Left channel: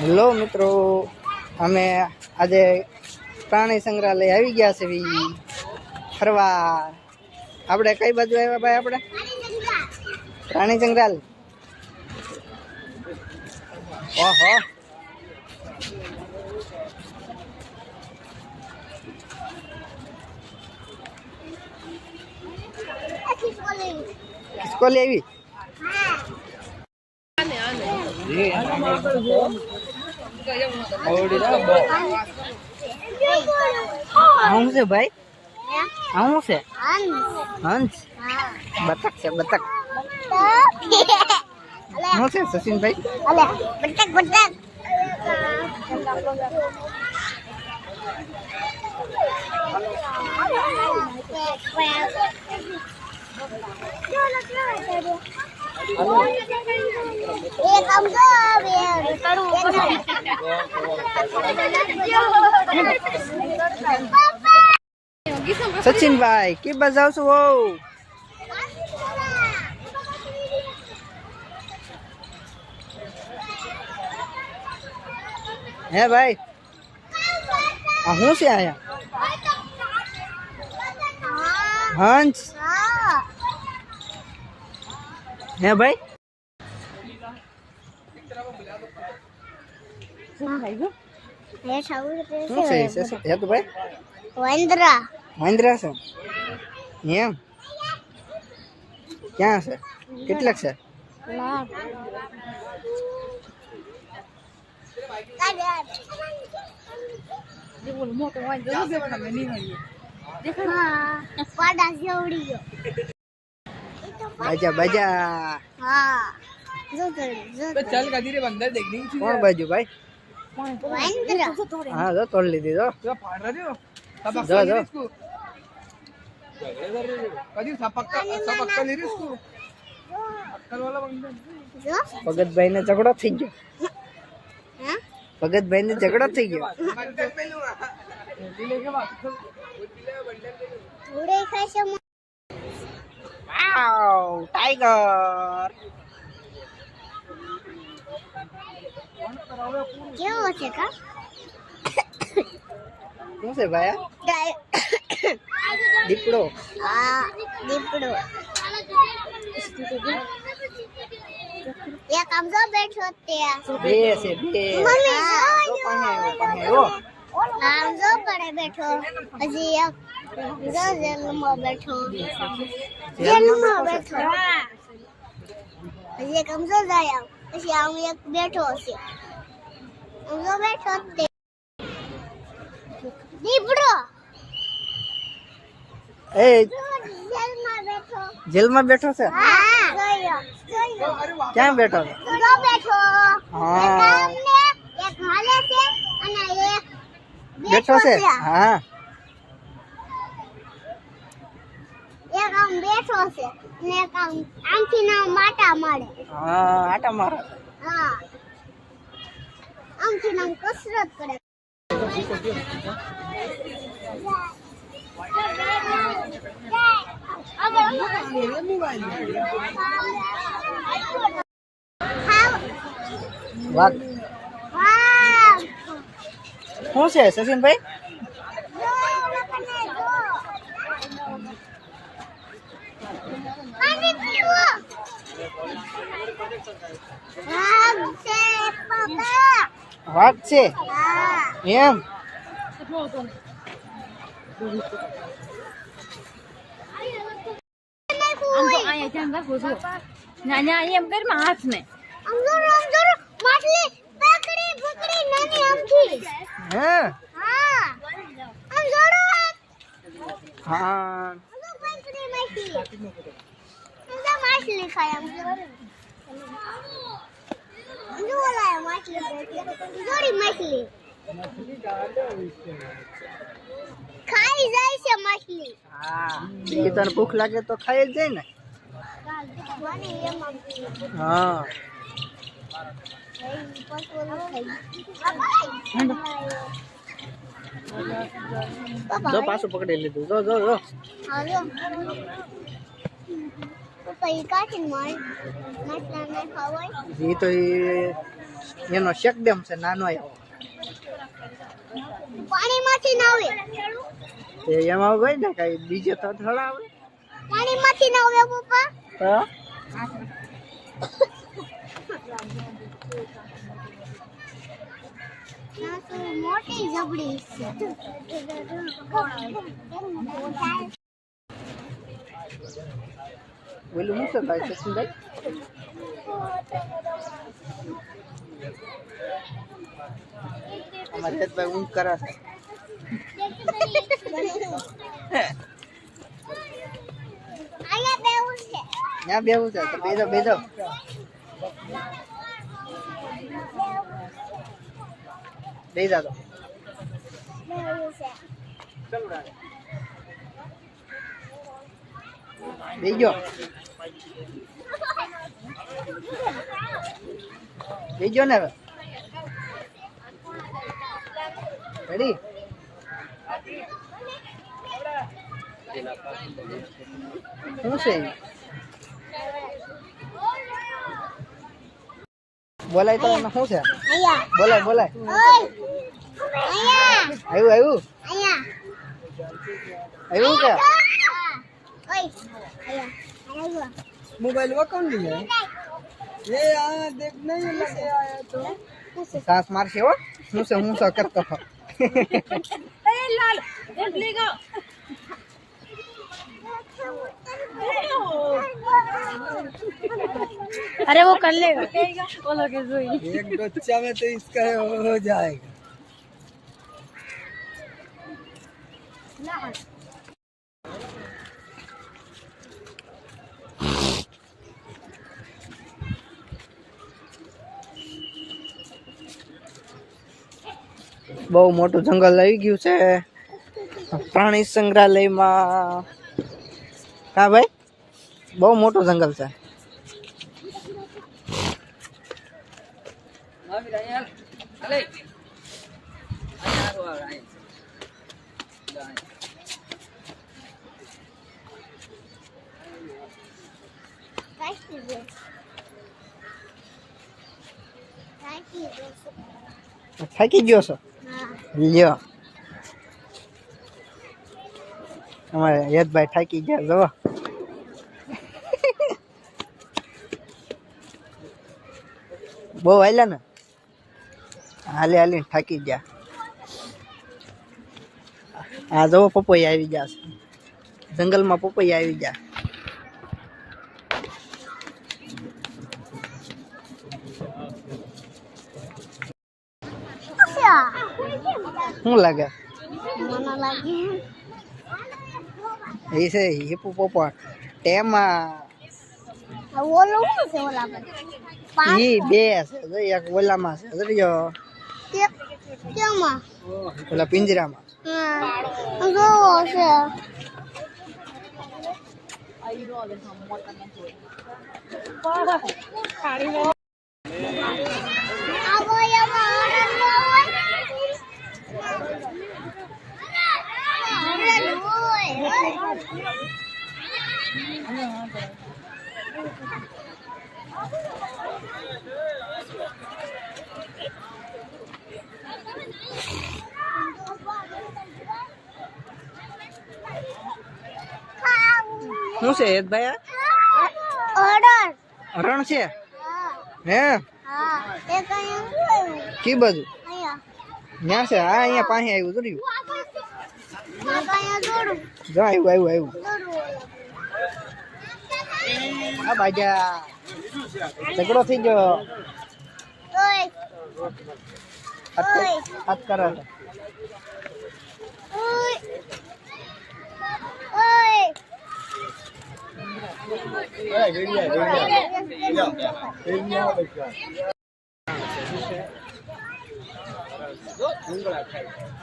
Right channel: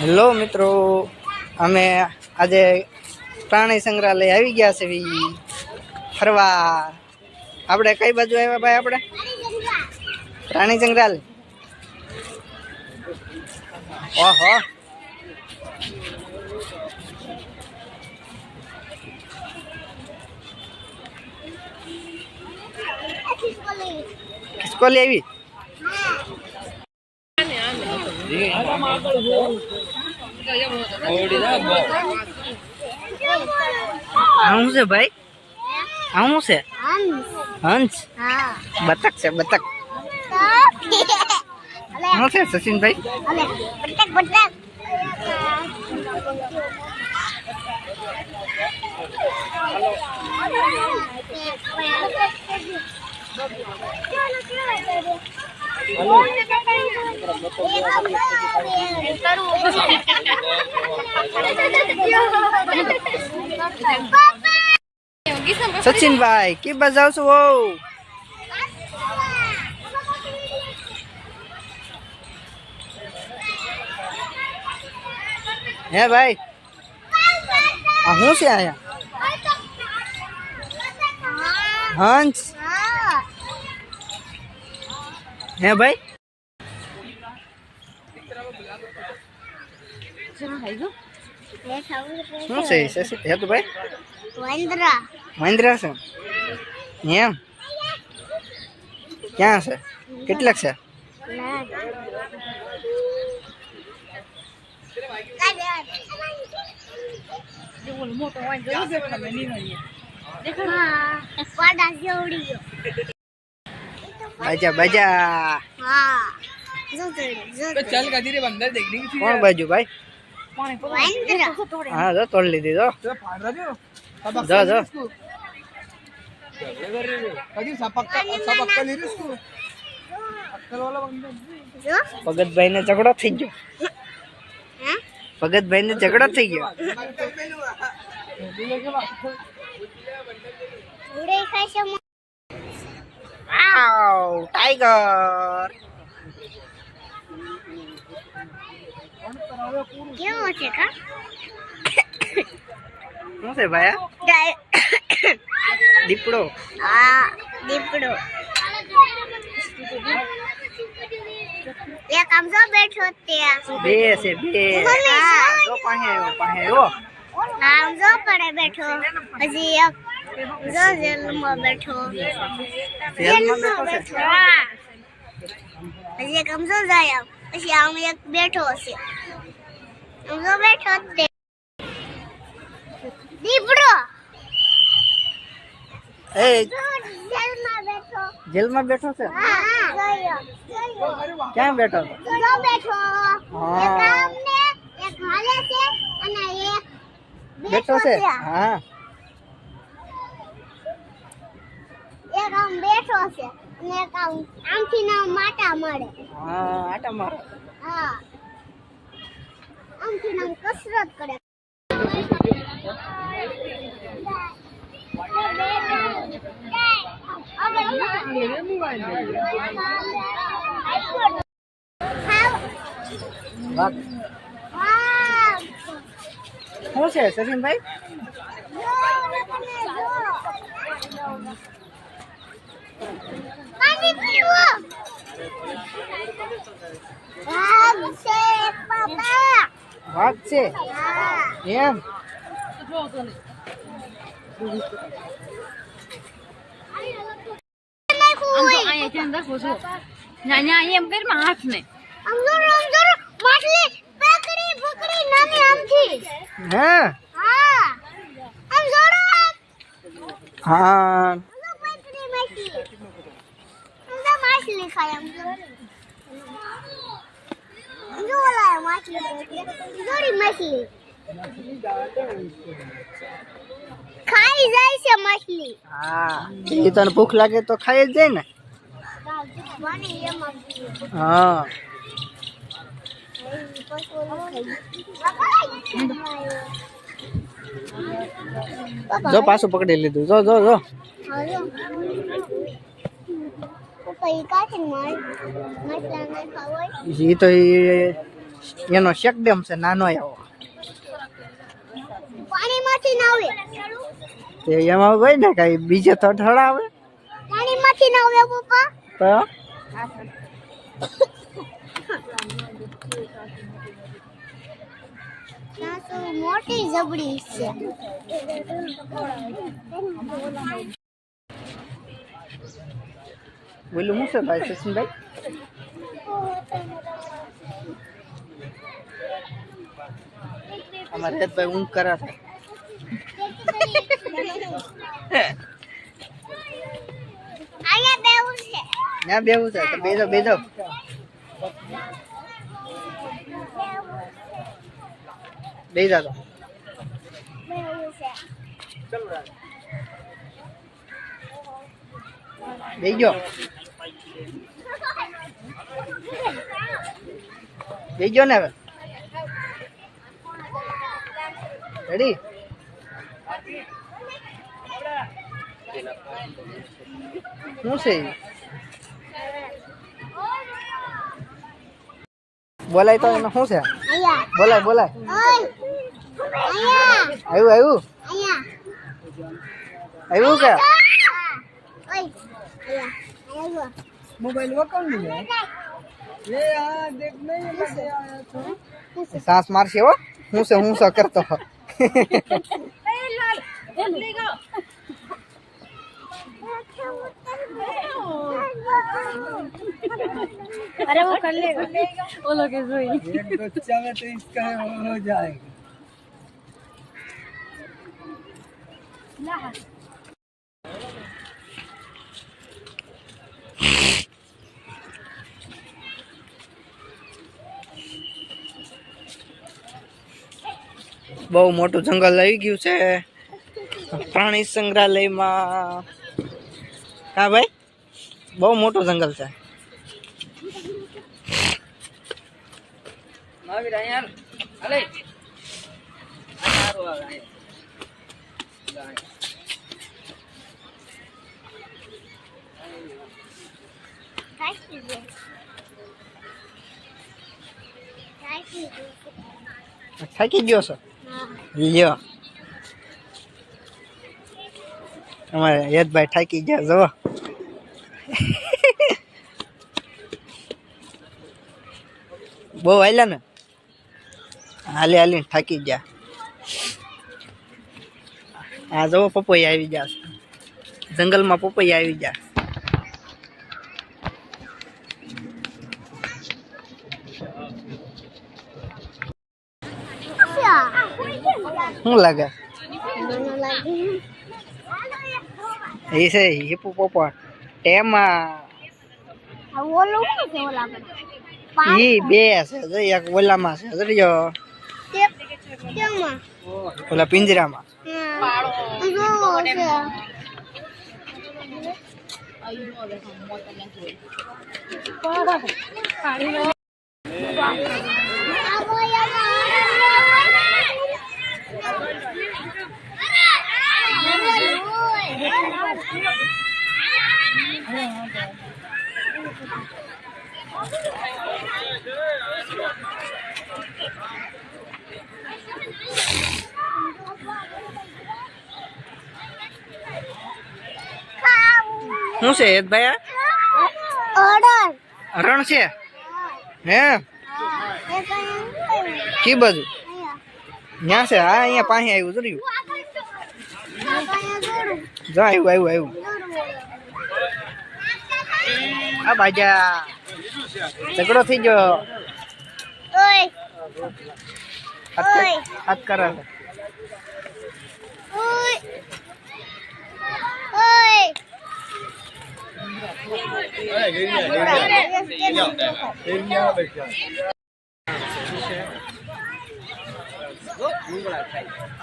Hello મિત્રો, અમે આજે પ્રાણી સંગ્રહાલય આવી ગયા છે ફરવા. આપણે કઈ બાજુ આવ્યા ભાઈ? આપણે પ્રાણી સંગ્રહાલય. ઓહો, ખિસકોલી આવી. આવું છે ભાઈ? આવું છે હંસ? બતક છે બતક. શું છે સચિનભાઈ? સચિનભાઈ की बजाओ છો? હે ભાઈ, આ શું છે આયા? હંસ હે ભાઈ? શું છે હે તો ભાઈ? મહેન્દ્રા છે એમ? ક્યાં છે? કેટલાક છે? બાજા બાજા. કોણ બાજુ ભાઈ? હા જો તોડ લીધી. જો જો ભગતભાઈ ને ઝઘડો થઈ ગયો. ભગતભાઈ ને ઝઘડો થઈ ગયો. વાવ, ટાઈગર. કેવો છે કા? શું છે ભાઈ? દીપડો. હા દીપડો. એક આમ જો બેઠો ત્યાં. બે છે બે. જો પાસે આવ્યો. આમ જો પડે બેઠો. હજી એક જો જેલમાં બેઠો. જેલમાં બેઠો છે? હા. હજી એક આમ જો જાય. પછી આમ એક બેઠો છે. આમ જો બેઠો તે દીપડો. એ જેલમાં બેઠો. જેલમાં બેઠો છે? હા જોયો. ક્યાં બેઠો છે? જો બેઠો. હા. એક આમ ને એક હાલે છે અને એક બેઠો છે. હા, એક આમ બેઠો છે અને એક આમ આમથી ના માટા મારે. હા, આટા મારો. હા, આમથી નામ કસરત કરે. વાહ, શું છે સચિનભાઈ? વાઘ છે એમ? એમ કર હાથ ને હે? હા આમ જોડો. હા, માછલી ખાય આમ જો ઓલા માછલી જોડી માછલી ખાઈ જાય છે માછલી. હા, એ તને ભૂખ લાગે તો ખાઈ જ જાય ને. હા, જો પાછું પકડી લીધું. જો જો જો. પપ્પા એ કાઢીને મારી માછલાને ખાવાય. એ તો એનો શેક ડેમ છે નાનો એવો. પાણીમાંથી ના આવે તે એમાં હોય ને કઈ બીજે તો થોડા આવે. પાણીમાંથી ના આવે પપ્પા તો મોટી જબડી છે. બોલું શું છે ભાઈ સચિનભાઈ? અમારે હેતભાઈ ઊંઘ કરે છે. અહીંયા બેવું છે. ત્યાં બેવું છે તો બેજો બેજો. બેજા તો બેવું છે. બેજો બેજો ને હવે. રેડી? શું છે બોલાય તો એને શું છે? અહીંયા બોલાય બોલાય. ઓય અહીંયા આવ્યું આવ્યું અહીંયા આવ્યું કે ઓય અહીંયા અહીંયા મોબાઈલ વકન નહીં ये यहाँ देख नहीं लेके आया तो सांस मार से वो હું सा करता हो अरे वो कर लेगा वो लोग एक बच्चा में तो इसका हो जाएगा. બહુ મોટું જંગલ આવી ગયું છે પ્રાણી સંગ્રહાલયમાં. હા ભાઈ બહુ મોટું જંગલ છે. થાકી ગયો છો? લ્યો અમારે યદભાઈ થાકી ગયા જો. બહુ હાલ્યા ને હાલે હાલી થાકી ગયા. આ જવો પપૈયા આવી ગયા છે જંગલમાં. પપૈયા આવી ગયા. શું લાગે? મને લાગે એ છે હિપ્પોપોટેમસ. ઓલું શું છે ઓલા પર ઈ બે છે જો એક ઓલામાં છે જો કેમાં ઓલા પિંજરામાં. જો છે શું છે યદભાઈ? આ રણ છે હે? કી બાજુ? ત્યાં છે. હા અહીંયા પાસે આવ્યું જોયું. જો આવ્યું આવ્યું આવ્યું. આ બાજા ઝઘડો થઈ ગયો. હાથ કરે છે.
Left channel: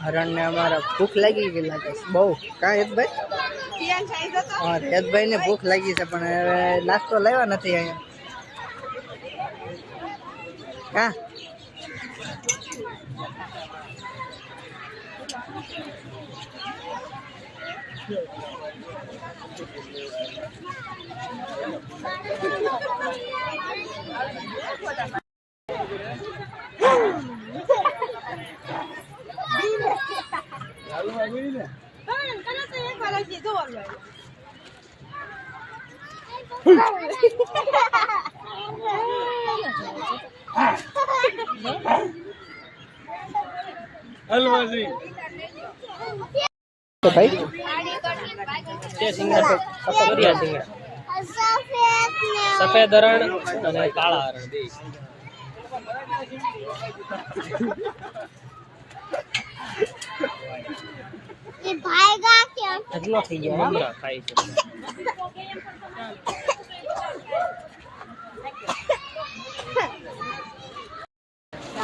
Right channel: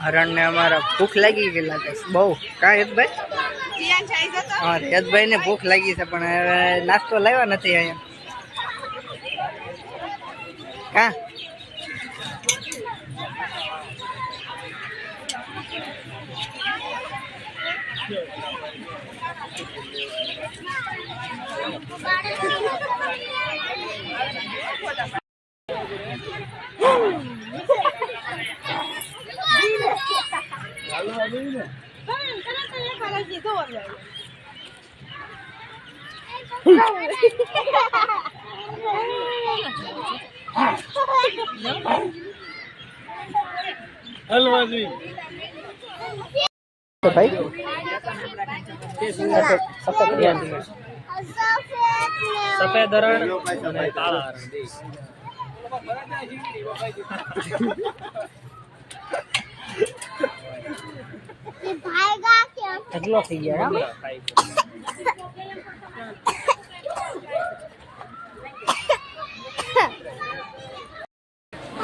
હરણ ને અમારા ભૂખ લાગી ગઈ લાગે છે બહુ. કા હેતભાઈ? હા હેતભાઈ ને ભૂખ લાગી છે પણ હવે નાસ્તો લાવ્યા નથી અહીંયા. કા તો ભાઈ સફેદ હરણ અને કાળા હરણ બે. ये भागेगा क्या? એટલો થઈ ગયા હો. ખાય છે.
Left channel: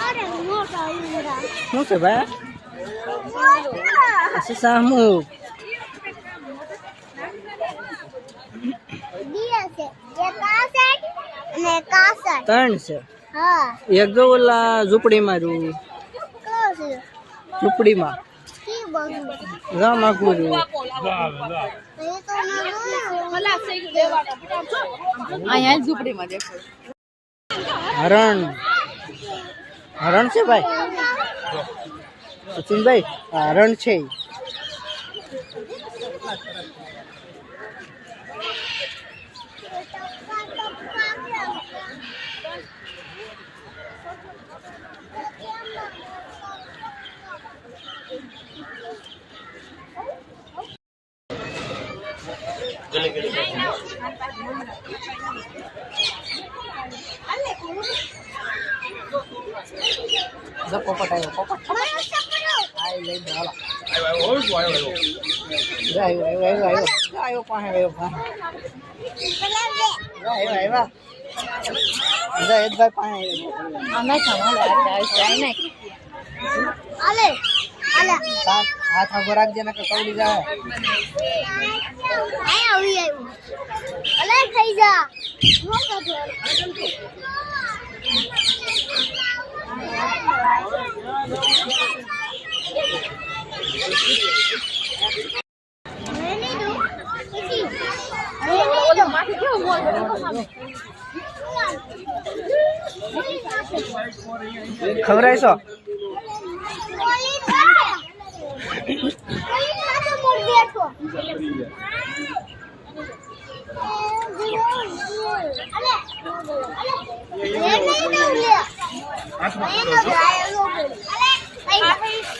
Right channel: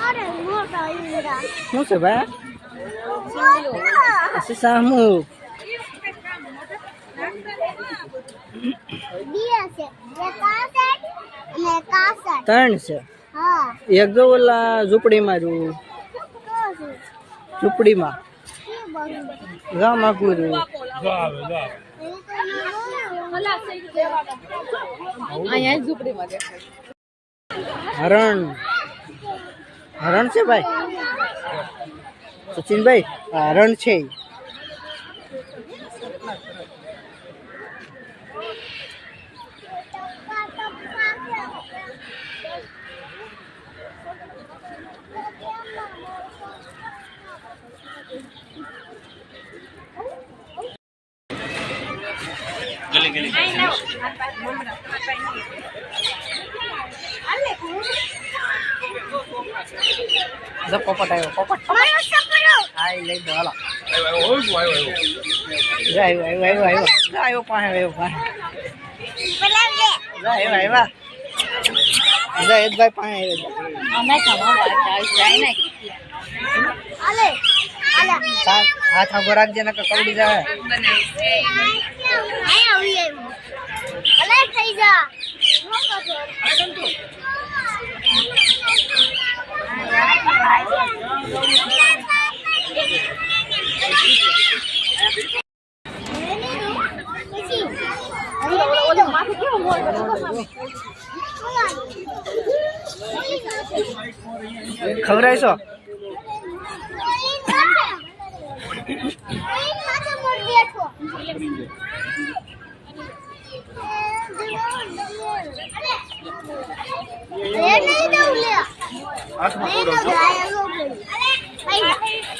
अरे मोटा ईंडा શું છે ભાઈ मोटा સામું दिया से ये कासेट ने कासेट 3 છે. हाँ એક જો ઓલા ઝૂંપડીમાં છું, कोसी ઝૂંપડીમાં की बगू ગામ આખું છું. ये तो અહીંયા ઝૂંપડીમાં દેખાય. હરણ હરણ છે ભાઈ સચિનભાઈ આ હરણ છે ઈ. જો પોપટ આવ્યો પોપટ मारो सपरो આ ઈ લઈ દો હાલો જો આવ્યો આવ્યો પાસે बलावे જો આવ્યા જો હેતભાઈ પાસે આવ્યો અમે ખાવા જાય નહીં. अले अले હાથ આગો રાખજે ને કવડી જાય नहीं हुई है अले થઈ જા માથે કેવો મોર બન્યો સામે. ખવરાઈશો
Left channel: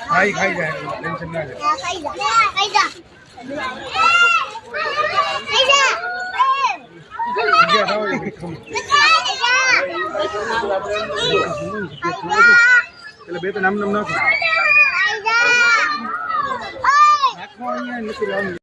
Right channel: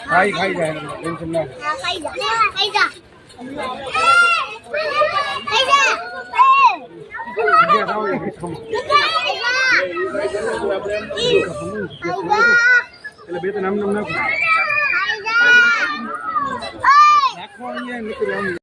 ખાઈ જાય ટેન્શન ના લે ખાઈ જા એટલે બે તો નામ નાખો નાખો અહીંયા નથી લાવવાનું.